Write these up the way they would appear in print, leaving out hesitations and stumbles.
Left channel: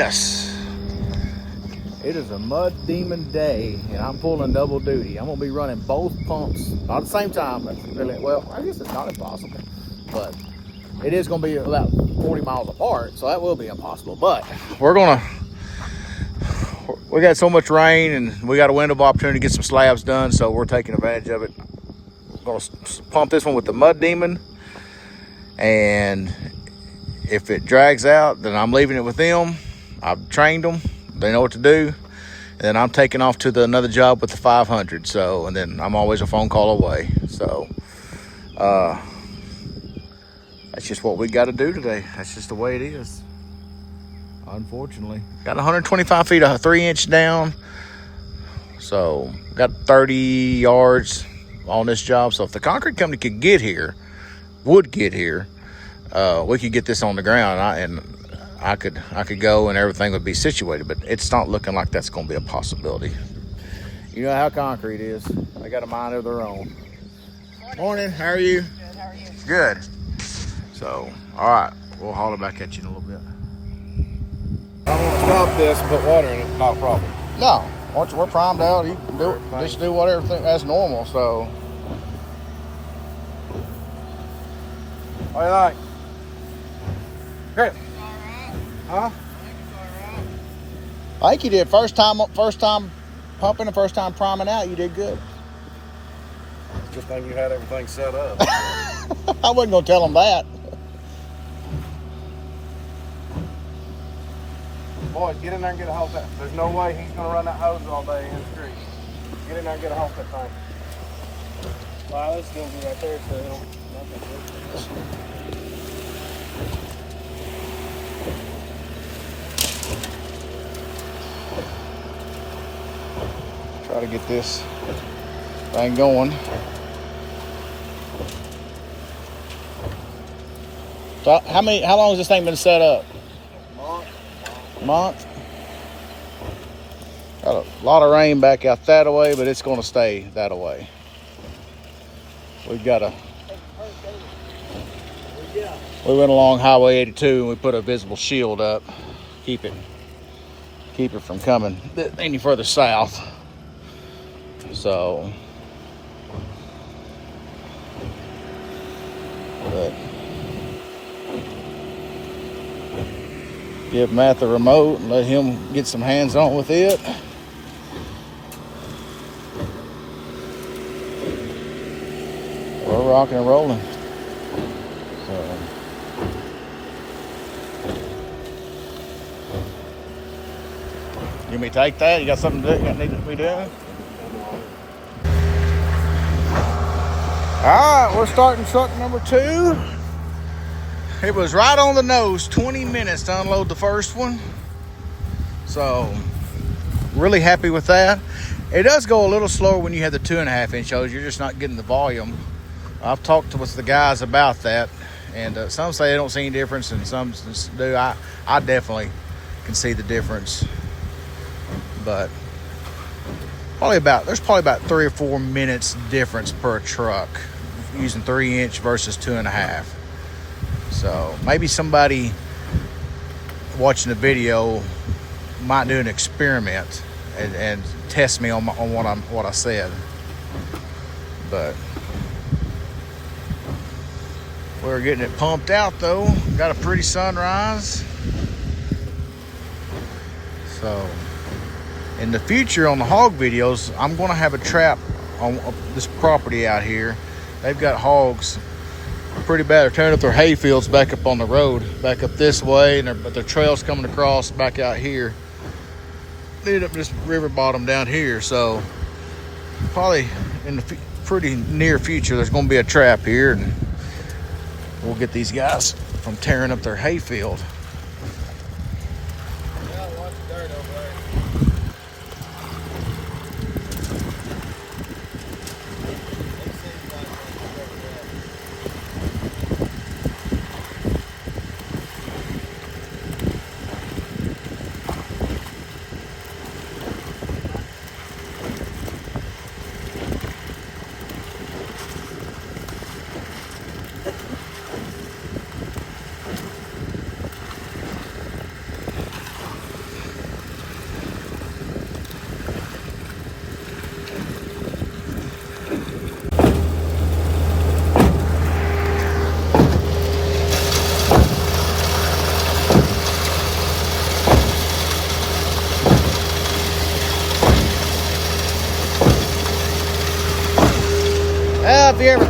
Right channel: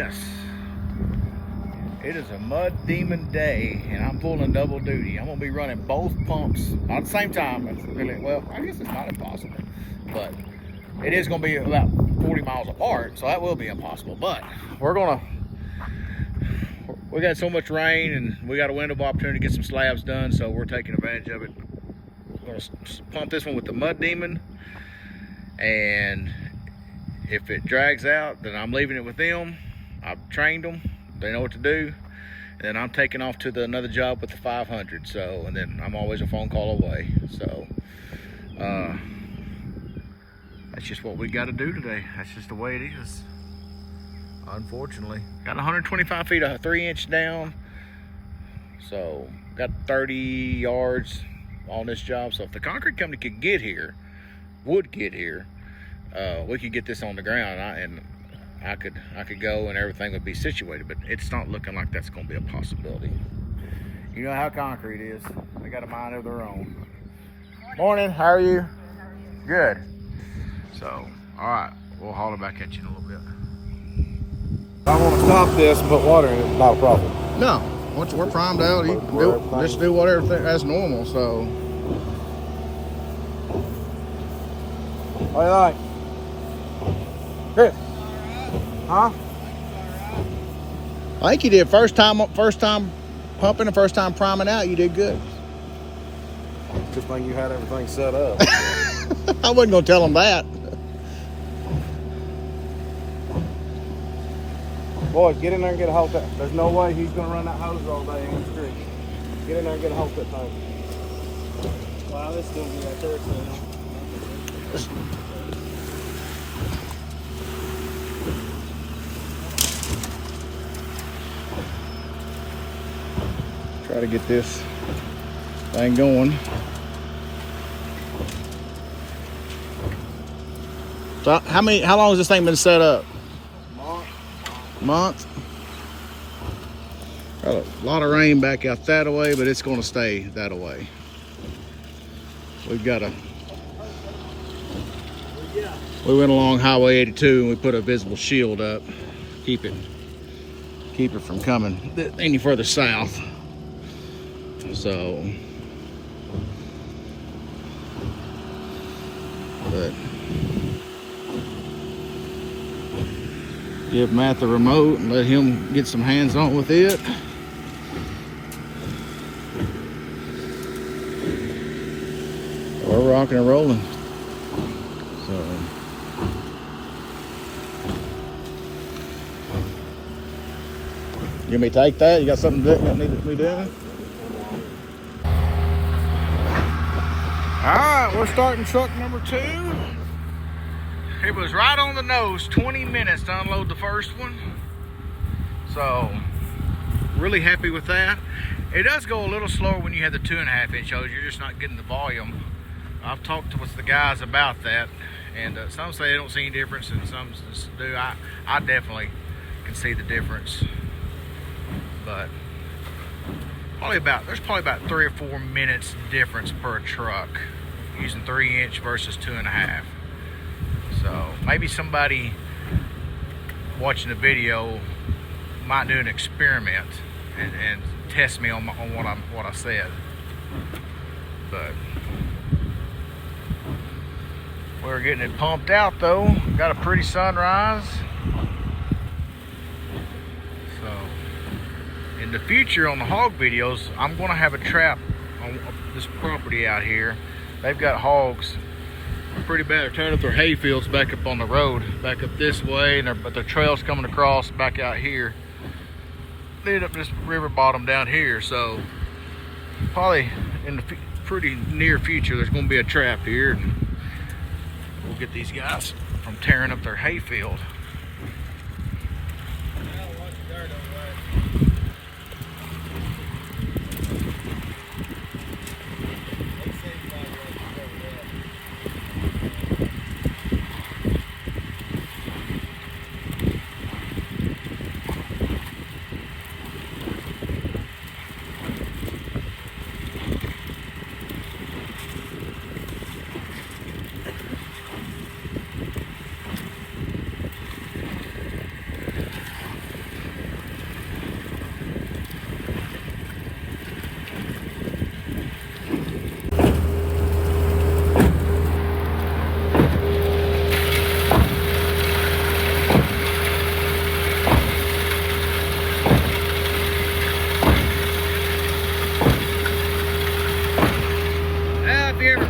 Yes, it is a mud demon day, and I'm pulling double duty. I'm gonna be running both pumps, not at the same time. Well, I guess it's not impossible, but it is gonna be about 40 miles apart, so that will be impossible. But we got so much rain, and we got a window of opportunity to get some slabs done, so we're taking advantage of it. I'm gonna pump this one with the mud demon, and if it drags out, then I'm leaving it with them. I've trained them, they know what to do. And then I'm taking off to another job with the 500. So, and then I'm always a phone call away. So, that's just what we got to do today. That's just the way it is, unfortunately. Got 125 feet of 3-inch down. So, got 30 yards on this job. So, if the concrete company would get here, we could get this on the ground, and I could go and everything would be situated, but it's not looking like that's going to be a possibility. You know how concrete is. They got a mind of their own. Morning, how are you? Good, how are you? Good. So, all right, we'll holler back at you in a little bit. I'm going to stop this and put water in it, not a problem. No, once we're primed out, you can just do whatever that's normal, so. All right. Here. Huh? I think you did first time pumping and first time priming out, you did good. Just think you had everything set up. I wasn't gonna tell them that. Boys, get in there and get a hold of that. There's no way he's gonna run that hose all day in the street. Get in there and get a hold of that thing. Well, it's still be right there, so Try to get this thing going. So how long has this thing been set up? Month? Got a lot of rain back out that way, but it's gonna stay that way. We went along Highway 82 and we put a visible shield up, keep it from coming any further south. So, but give Matt the remote and let him get some hands on with it. We're rocking and rolling. So, you want me to take that? You got something that need to be doing? All right, we're starting truck number 2. It was right on the nose, 20 minutes to unload the first one. So, really happy with that. It does go a little slower when you have the 2.5-inch hose. You're just not getting the volume. I've talked with the guys about that, and some say they don't see any difference, and some do. I definitely can see the difference, but there's probably about 3 or 4 minutes difference per truck using 3-inch versus 2.5. So maybe somebody watching the video might do an experiment and test me on what I said. But we're getting it pumped out though. Got a pretty sunrise. So in the future on the hog videos, I'm gonna have a trap on this property out here. They've got hogs pretty bad. They're tearing up their hay fields back up on the road, back up this way, but their trail's coming across back out here. They end up this river bottom down here. So probably in the pretty near future, there's gonna be a trap here. We'll get these guys from tearing up their hay field.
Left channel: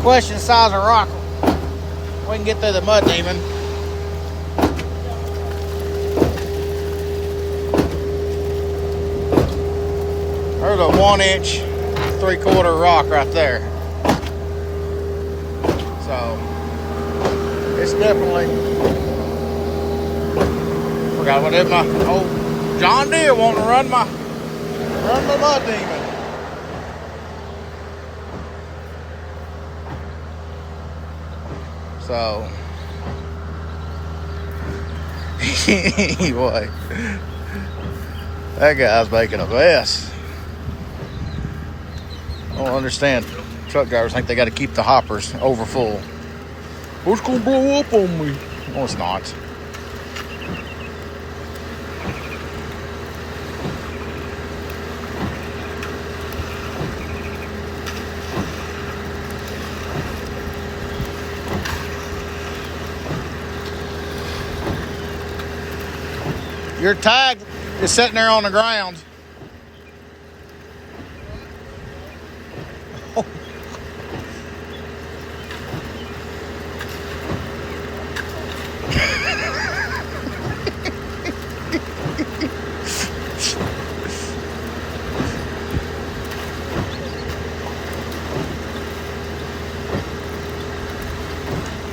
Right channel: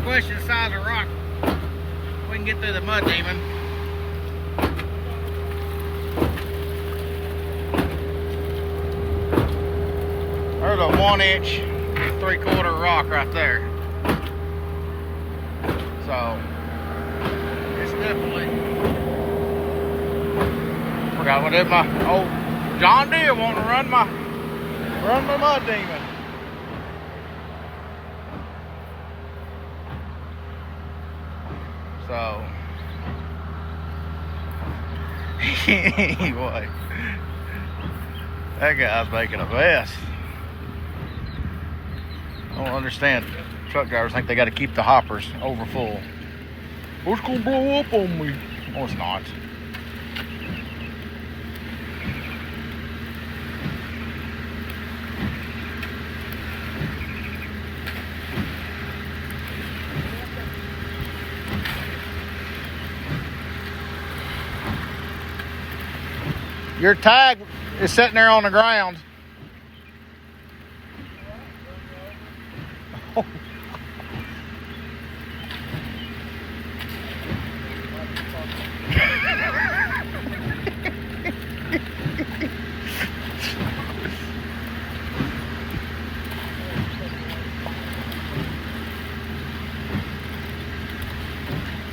Question the size of rock we can get through the mud demon. There's a 1-inch, 3/4 rock right there. So it's definitely, forgot what did my old John Deere wanting to run my mud demon. So anyway, that guy's making a mess. I don't understand. Truck drivers think they got to keep the hoppers over full. Oh, it's gonna blow up on me. No, it's not. Your tag is sitting there on the ground.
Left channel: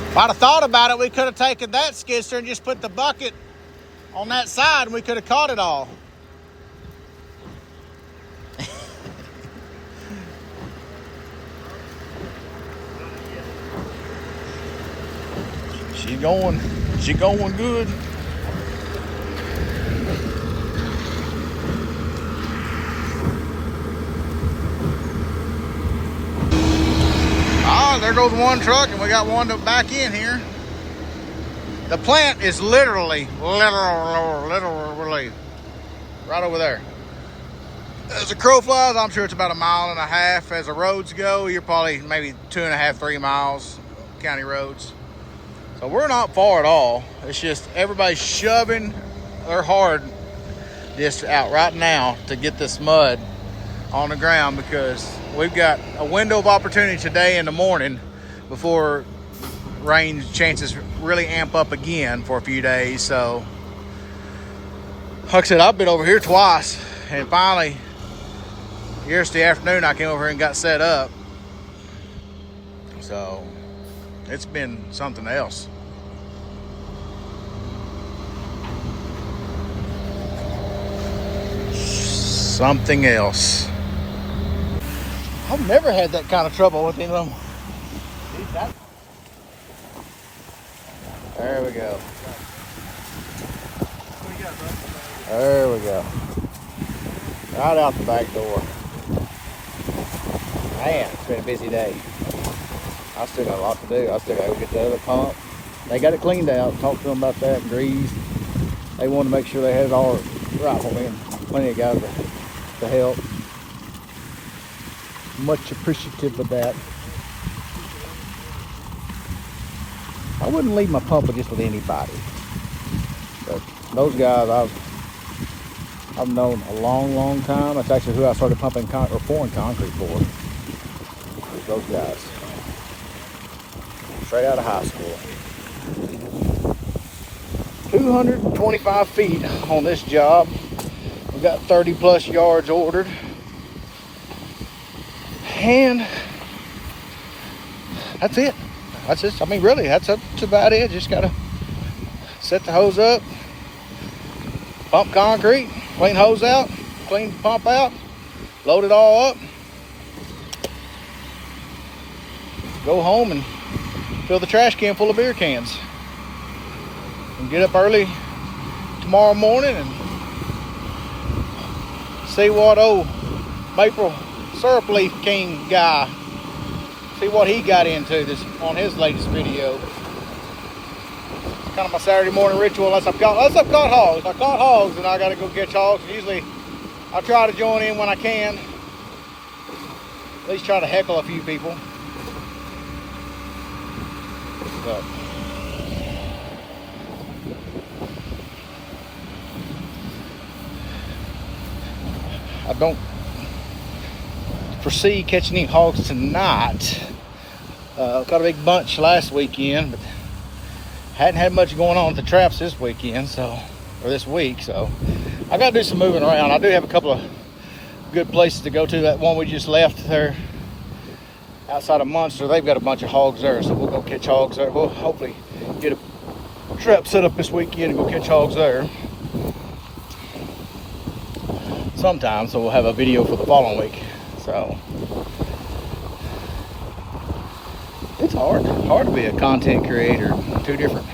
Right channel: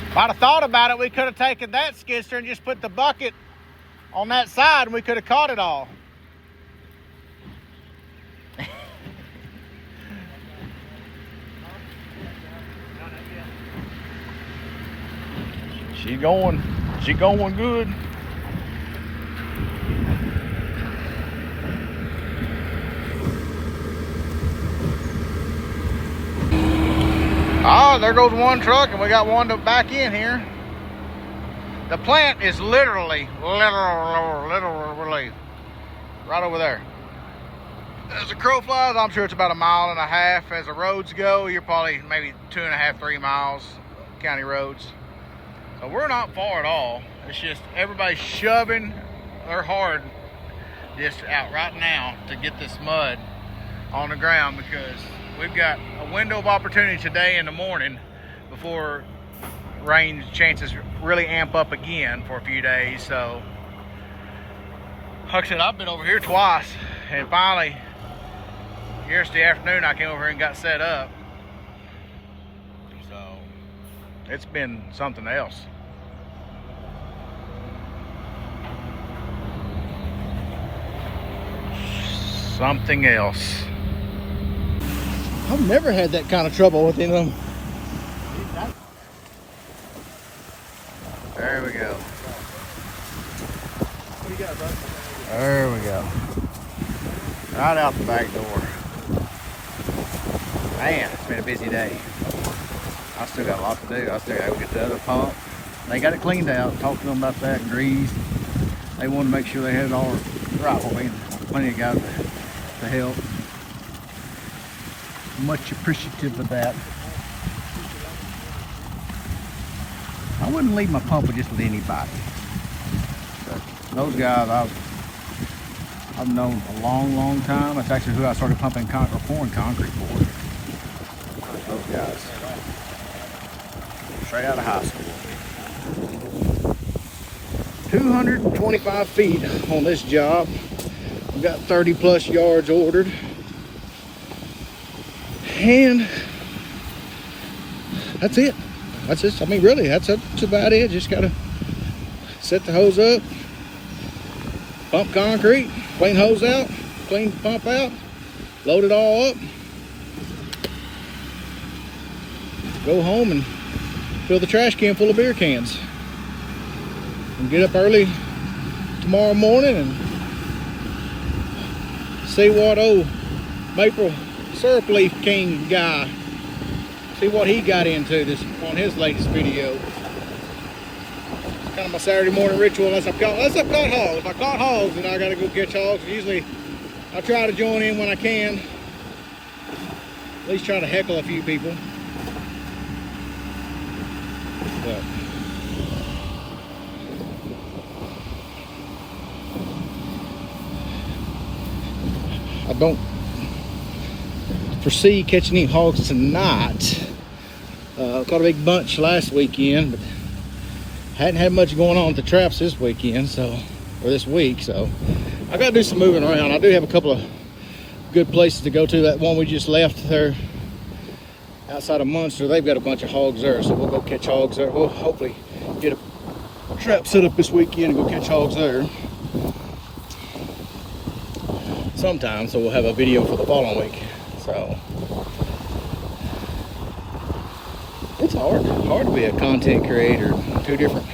If I'd have thought about it, we could have taken that skid steer and just put the bucket on that side and we could have caught it all. She's going good. Oh, there goes one truck and we got one to back in here. The plant is literally right over there. As the crow flies, I'm sure it's about 1.5 miles. As the roads go, you're probably maybe 2.5, 3 miles, county roads. So we're not far at all. It's just everybody's shoving their hard this out right now to get this mud on the ground, because we've got a window of opportunity today in the morning before rain chances really amp up again for a few days. So like I said, I've been over here twice, and finally yesterday afternoon I came over here and got set up. So it's been something else. Something else. I've never had that kind of trouble with him. There we go. What do you got, bud? There we go. Right out the back door. Man, it's been a busy day. I still got a lot to do. I still got to go get the other pump. They got it cleaned out. Talked to them about that. Greased. They wanted to make sure they had it all right for me. And plenty of guys to help. Much appreciative of that. I wouldn't leave my pumper just with anybody. But those guys I've known a long time. That's actually who I started pumping or pouring concrete for. Those guys. Straight out of high school. 225 feet on this job. We've got 30 plus yards ordered. And that's it. That's it. I mean, really, that's about it. Just gotta set the hose up, pump concrete, clean hose out, clean the pump out, load it all up, go home and fill the trash can full of beer cans, and get up early tomorrow morning and see what old Maple Syrup Leaf King guy, see what he got into this on his latest video. Kind of my Saturday morning ritual, unless I've caught hogs. If I caught hogs, then I gotta go catch hogs. Usually I try to join in when I can. At least try to heckle a few people. But I don't foresee catching any hogs tonight. Caught a big bunch last weekend, but hadn't had much going on with the traps this weekend, or this week. So I got to do some moving around. I do have a couple of good places to go to. That one we just left there outside of Munster, they've got a bunch of hogs there, so we'll go catch hogs there. We'll hopefully get a trap set up this weekend and go catch hogs there sometime, so we'll have a video for the following week. So it's hard to be a content creator. Two different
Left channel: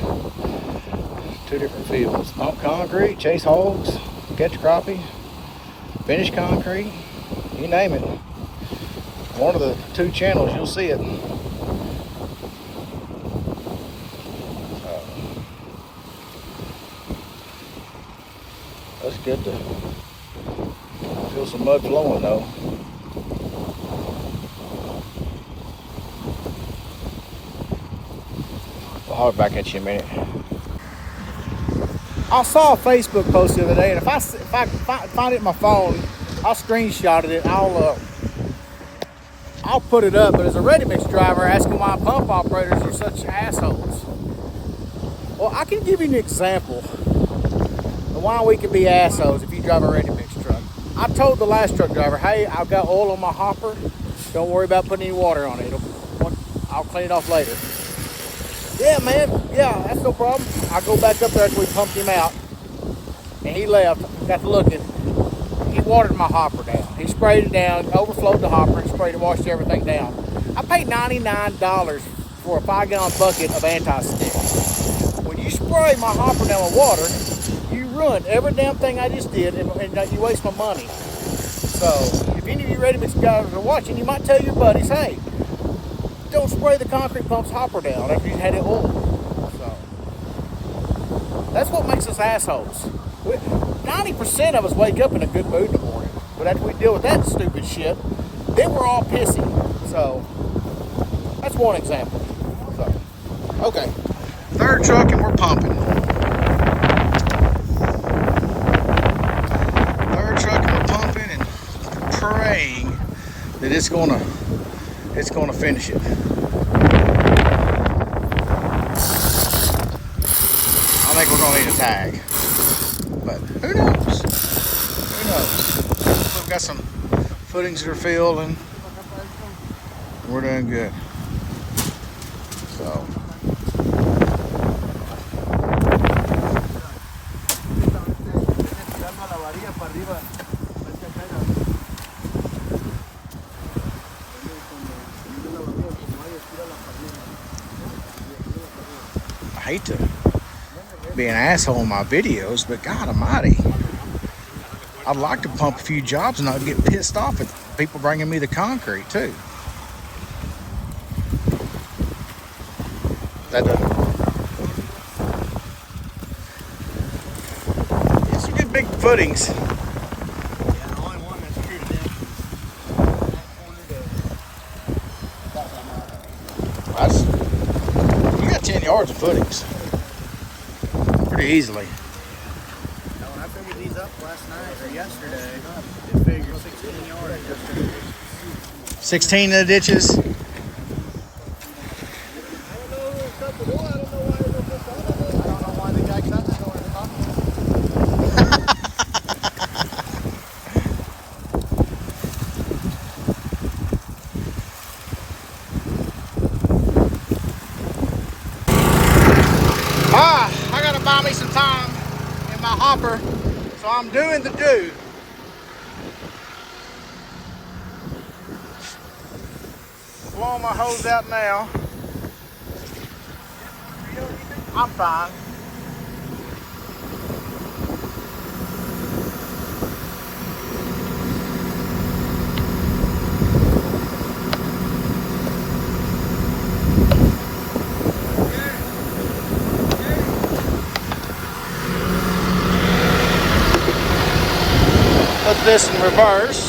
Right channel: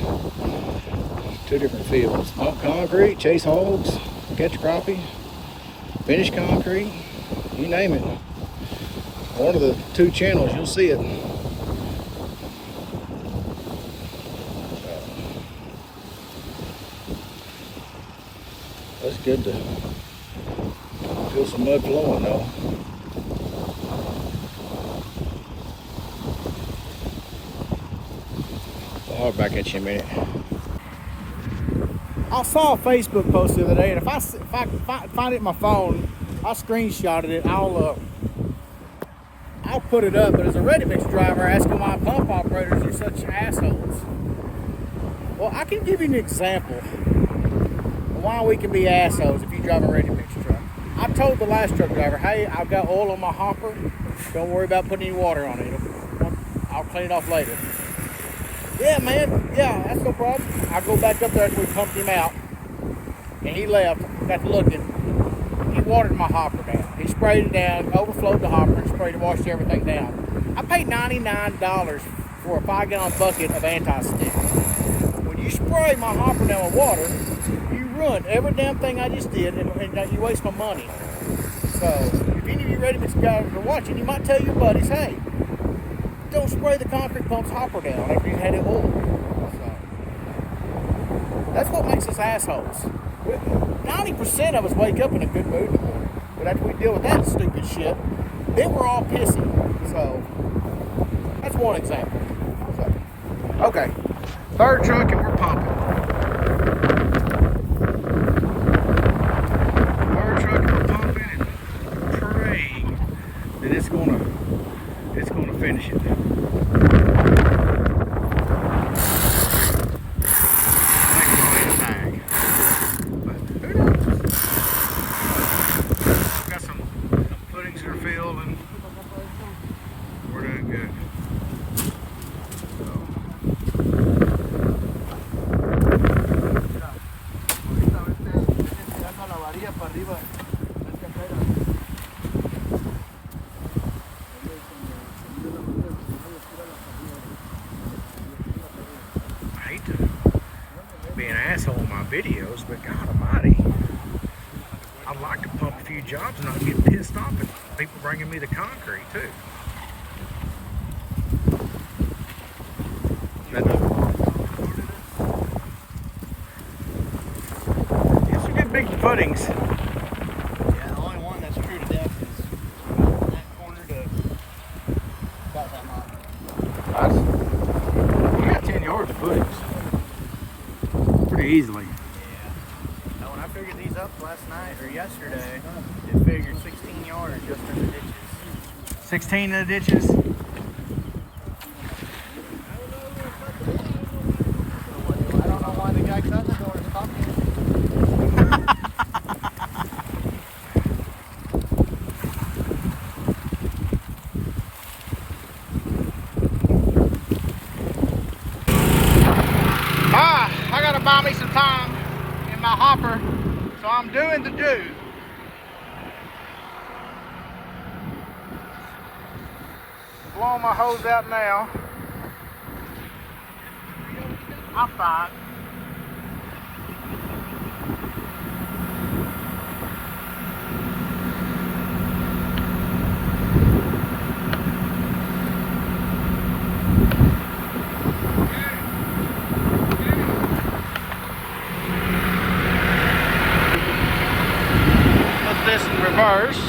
fields: pump concrete, chase hogs, catch crappie, finish concrete, you name it. One of the two channels, you'll see it. That's good to feel some mud flowing though. I'll holler back at you in a minute. I saw a Facebook post the other day, and if I find it in my phone, I'll screenshot it. I'll put it up. But as a ready mix driver, asking why pump operators are such assholes. Well, I can give you an example of why we can be assholes if you drive a ready mix truck. I told the last truck driver, hey, I've got oil on my hopper. Don't worry about putting any water on it. I'll clean it off later. Yeah, man. Yeah, that's no problem. I go back up there after we pumped him out, and he left. Got to looking. He watered my hopper down. He sprayed it down, overflowed the hopper, and sprayed and washed everything down. I paid $99 for a 5-gallon bucket of anti-stick. When you spray my hopper down with water, you ruin every damn thing I just did, and you waste my money. So, if any of you ready mix guys are watching, you might tell your buddies, hey, don't spray the concrete pump's hopper down after you've had it oiled. So, that's what makes us assholes. 90% of us wake up in a good mood in the morning, but after we deal with that stupid shit, then we're all pissy. So, that's one example. So, okay, third truck and we're pumping. Third truck and we're pumping and praying that it's gonna finish it. I think we're gonna need a tag. But who knows? Who knows? We've got some footings that are filled and we're doing good. So. I hate to be an asshole in my videos, but God almighty, I'd like to pump a few jobs and not get pissed off at people bringing me the concrete too. It's some good big footings. Yeah, the only one that's true to depth is that corner to about that much. You got 10 yards of footings. Pretty easily. Yeah. Now, when I figured these up last night or yesterday, it figured 16 yards. 16 in the ditches. I gotta buy me some time in my hopper, so I'm doing the do. Blowing my hose out now. I'm fine. Put this in reverse.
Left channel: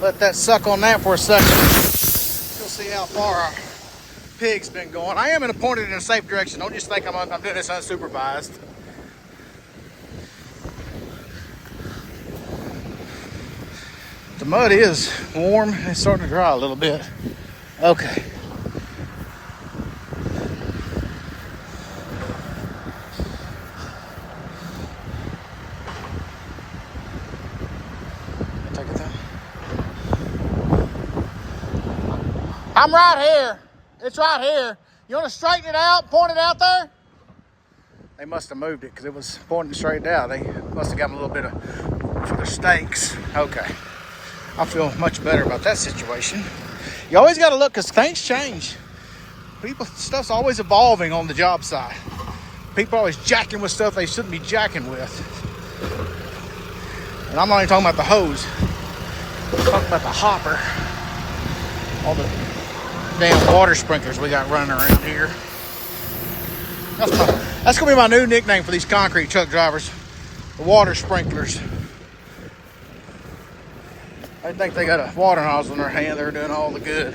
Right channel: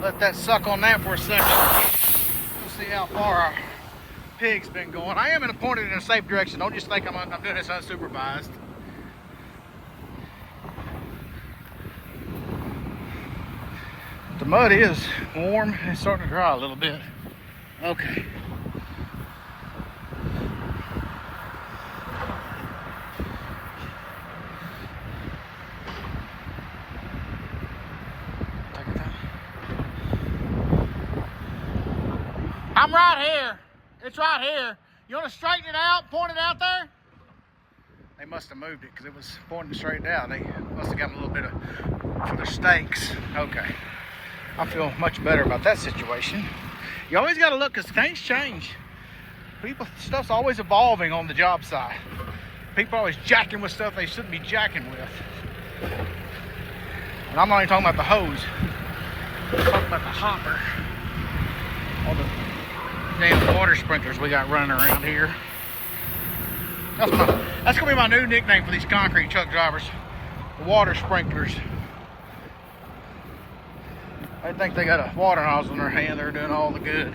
Let that suck on that for a second. You'll see how far our pig's been going. I am pointed in a safe direction. Don't just think I'm doing this unsupervised. The mud is warm and it's starting to dry a little bit. Okay. Take it down. I'm right here. It's right here. You want to straighten it out, point it out there? They must have moved it because it was pointing straight out. They must have got a little bit of for the stakes. Okay. I feel much better about that situation. You always got to look because things change. Stuff's always evolving on the job site. People are always jacking with stuff they shouldn't be jacking with. And I'm not even talking about the hose. I'm talking about the hopper. All the damn water sprinklers we got running around here. That's gonna be my new nickname for these concrete truck drivers. The water sprinklers. They think they got a water nozzle in their hand, they're doing all the good.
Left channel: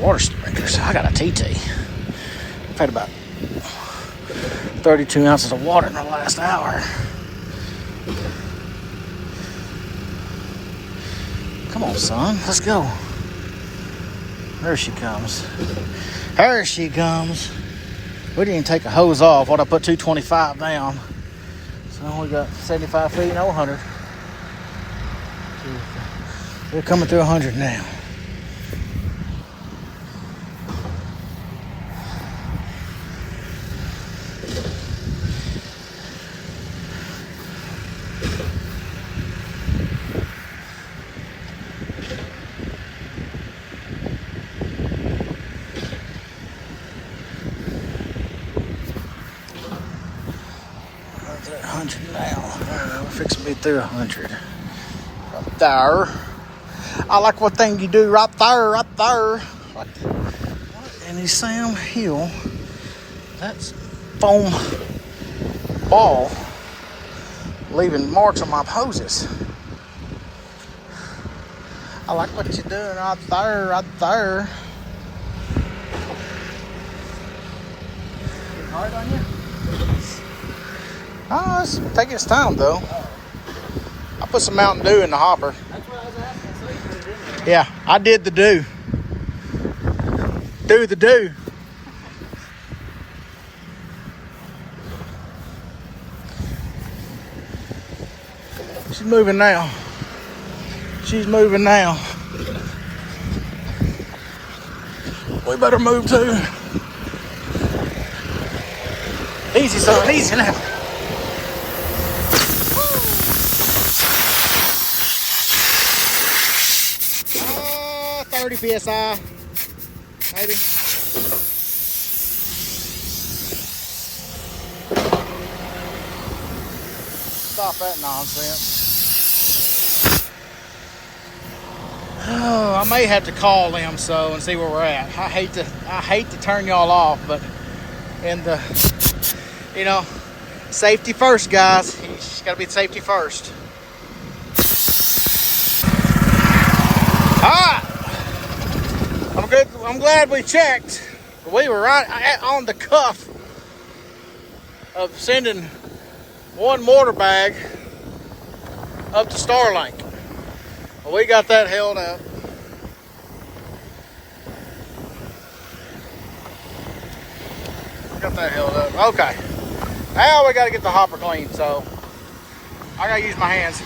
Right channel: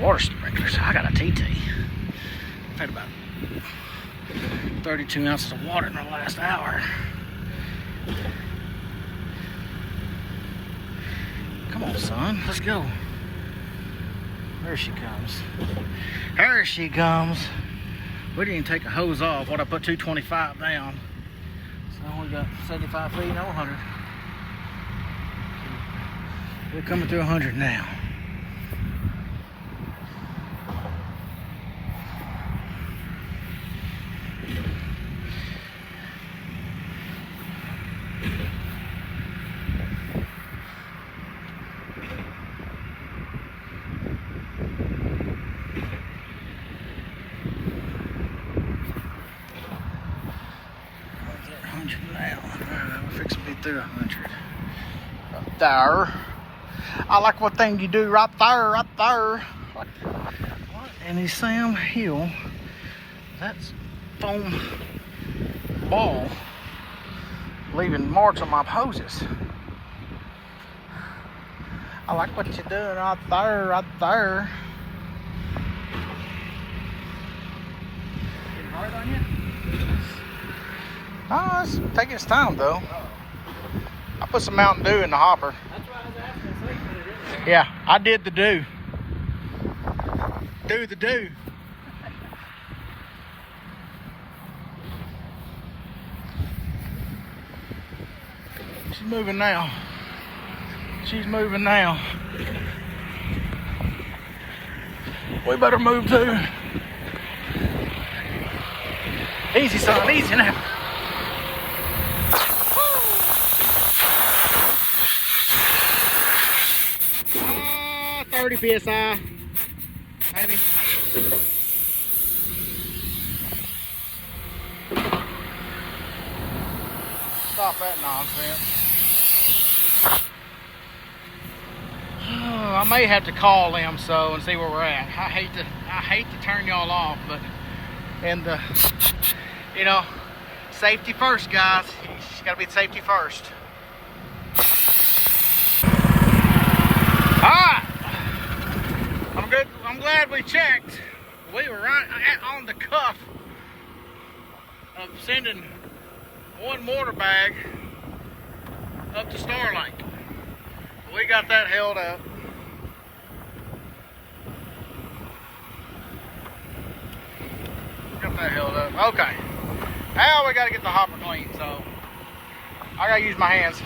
Water sprinklers. I got a TT. I've had about 32 ounces of water in the last hour. Come on, son. Let's go. There she comes. There she comes. We didn't even take a hose off. What I put 225 down. So we got 75 feet, no 100. We're coming to 100 now. Now. We're fixing to be through 100. Right there. I like what thing you do right there, right there. What in his Sam Hill? That's foam ball leaving marks on my hoses. I like what you're doing right there, right there. Oh, it's taking its time though. I put some Mountain Dew in the hopper. That's what I was asking. So you put it in there. Yeah, I did the do. Do the do. She's moving now. She's moving now. We better move too. Easy, son, easy now. 30 psi, maybe. Stop that nonsense. Oh, I may have to call them and see where we're at. I hate to turn y'all off, but safety first, guys. You just gotta be safety first. All right. I'm glad we checked. We were right on the cuff of sending one mortar bag up to Starlink. Well, we got that held up. Got that held up. Okay. Now we got to get the hopper clean, so I got to use my hands.